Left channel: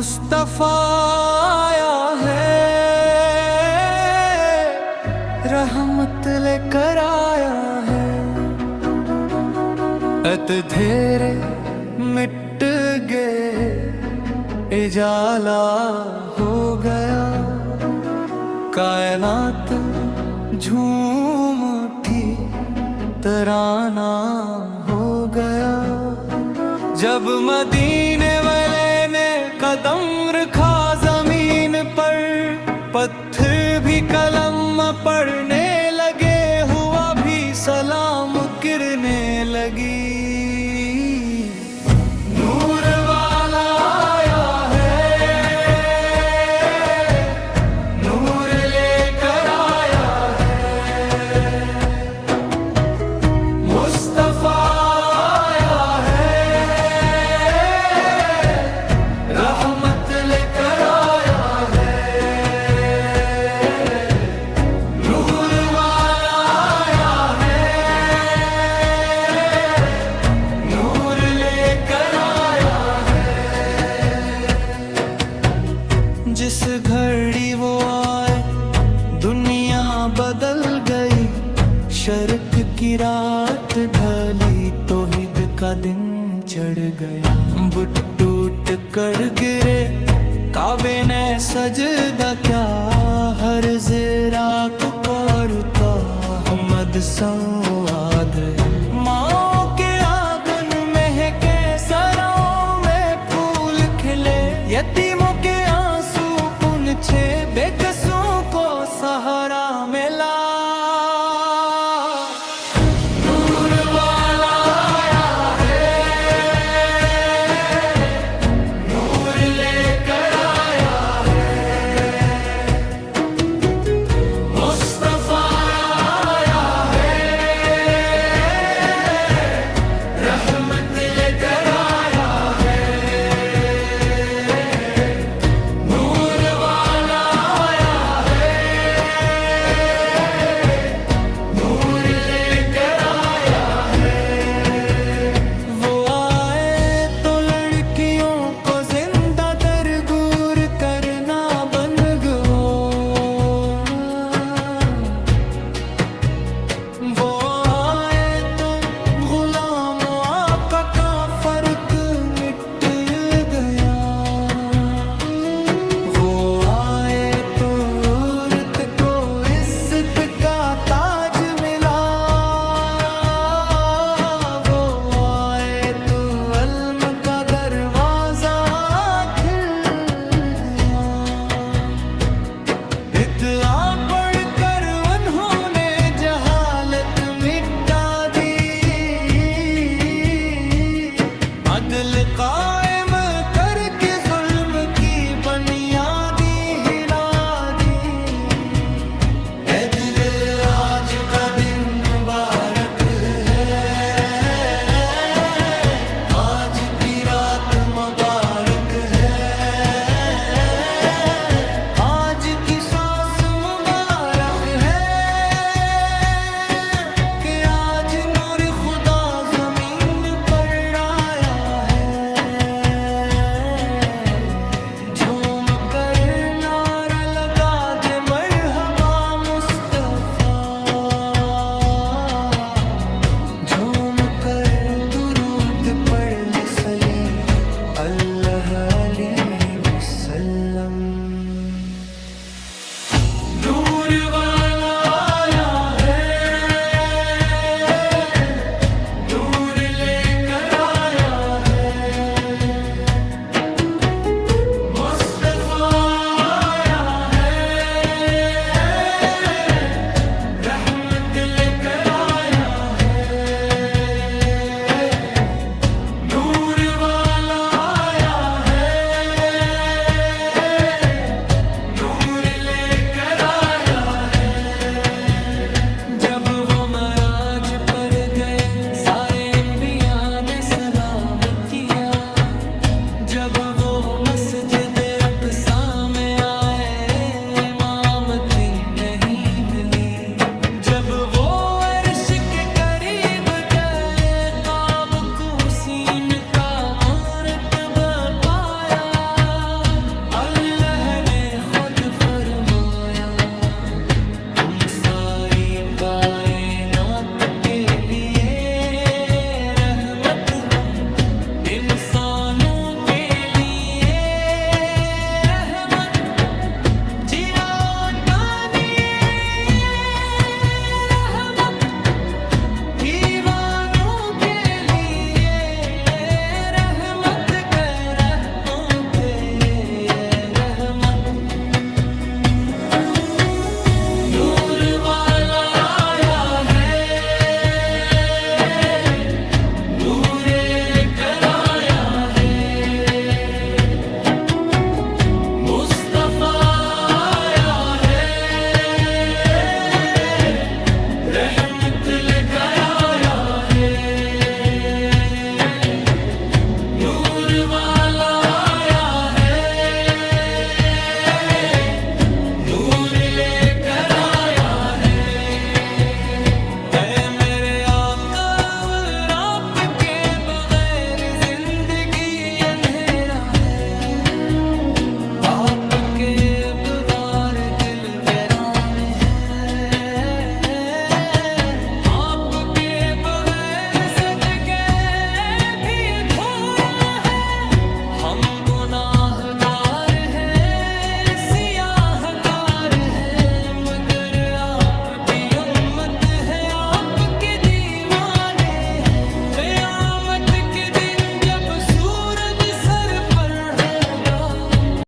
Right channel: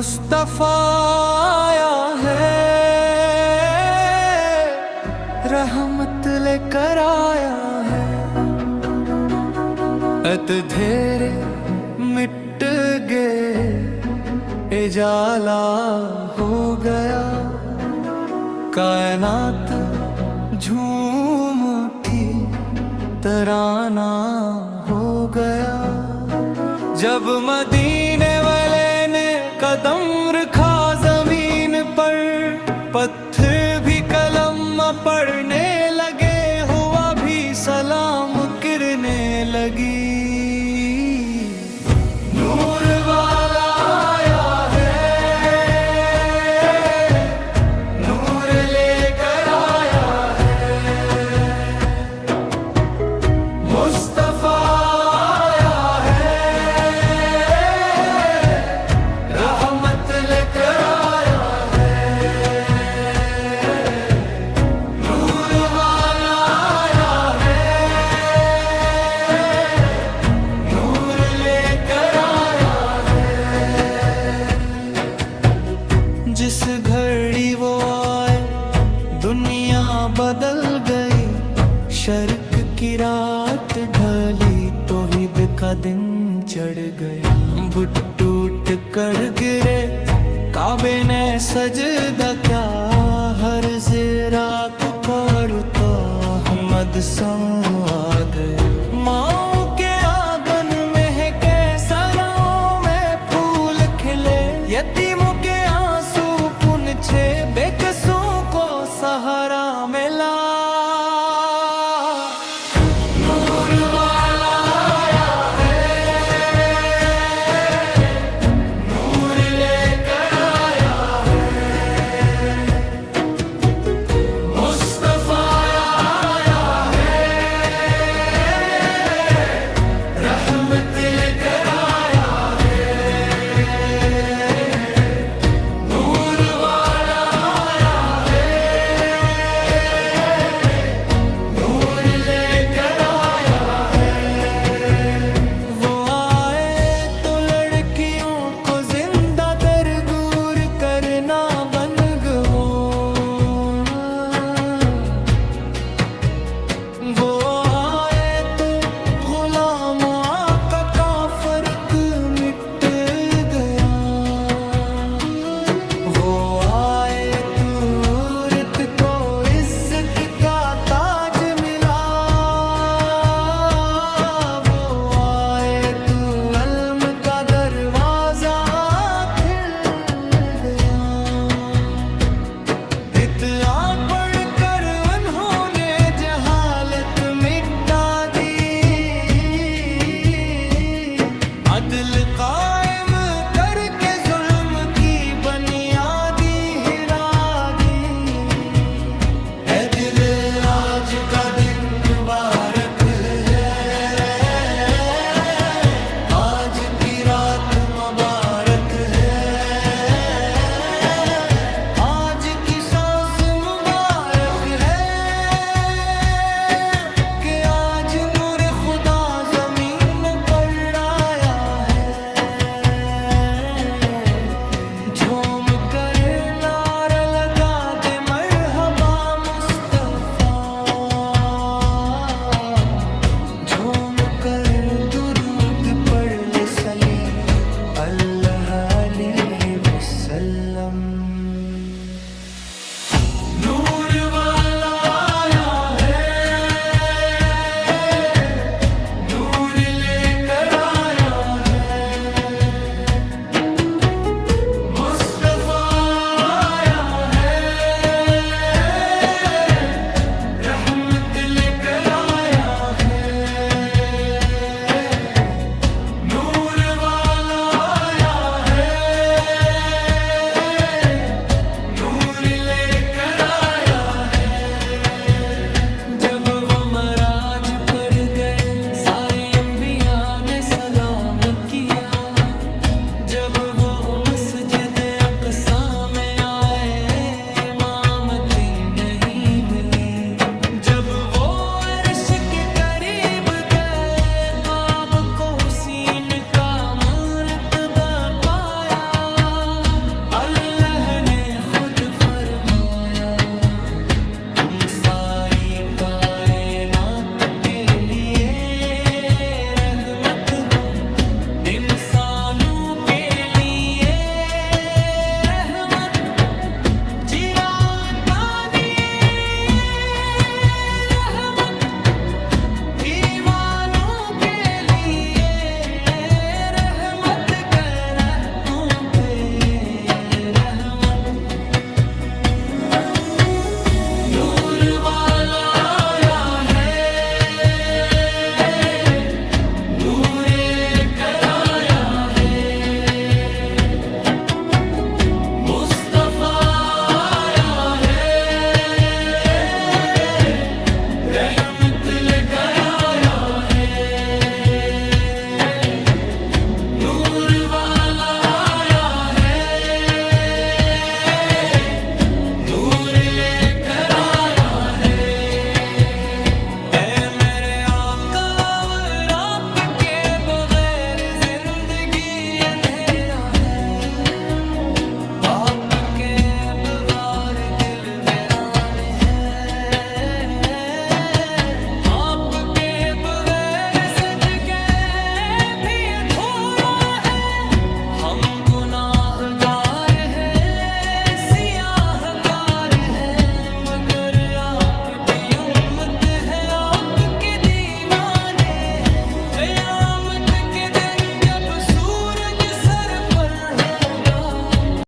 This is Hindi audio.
मुस्तफा आया है, रहमत लेकर आया है। अत धेरे मिट गए, इजाला हो गया, कायनात झूम उठी, तराना हो गया। जब मदीने वाले ने कदम रखा जमीन पर, पत्थर भी कलम पढ़ने लगे, हुआ भी सलाम गिरने लगी। नूर वाला आया है, नूर लेकर आया है, मुस्तफा आया है, रहमत लेकर आया है। नूर वाला आया है, नूर लेकर आया है। जिस घड़ी वो आए दुनिया बदल गई, शर्क की रात ढली, तौहीद का दिन चढ़ गया। बुत टूट कर गिरे, काबे ने सजदा क्या, हर ज़रा पुकारता हमद सवाद। माँ के आंगन महके, सरों में फूल खिले, यतीमों के आंसू पुनछे, बेकसों को सहारा मिला। नूर वाला आया है, नूर लेकर आया है, मुस्तफा आया है, रहमत लेकर आया है। नूर वाला आया है, नूर लेकर आया है। वो आए तो लड़कियों को जिंदा दरगूर करना बन गो। वो आए तो गुलाम आका का फर्क मिट गया। वो आए तो औरत को इज्जत का ताज मिला। वो आए तो इल्म का दरवाजा खिल गया। इत्तआ पढ़ कर उन्होंने जहालत मिटा दी, अदल कायम करके जुल्म की बुनियादी हिला दी। ऐ दिल आज का दिन मुबारक है, आज की रात मुबारक है, आज की सांस मुबारक है, कि आज नूर खुदा जमीन पर आया है। झूम कर नारा लगा दे मरहबा मुस्तफा, झूम कर दुरूद पढ़ ले सली अल्लाह अलैहि वसल्लम। नूर वाला आया है, नूर लेकर आया है, मुस्तफा आया है, रहमत लेकर आया है। नूर वाला आया है, नूर लेकर आया है। जब वो मराज पर गए, सारे अंबिया ने सलाम किया। जब वो मस्जिद अक़सा में आए, इमामत नहीं मिली। जब वो अर्श के करीब गए, क़ाब को हुसीन का मर्तबा पाया। खुद फरमाया, तुम सारी कायनात के लिए रहमत हो, इंसानों के लिए रहमत, जिराता रहमत, दीवानों के लिए रहमत, कर हम पे ये रहमत। नूर वाला आया है, नूरे कराया है, मुस्तफा आया है, रहमत लेकर आया है। नूर वाला आया है, नूर लेकर आया है। ऐ मेरे आका और आपके बगैर जिंदगी अंधेरा है, आपके बवार दिल वीरान है, आपके बगैर सज गए भी अधूरा है। हम गुनाहगार हैं, सियाहकार हैं, मगर आपकी उम्मत है।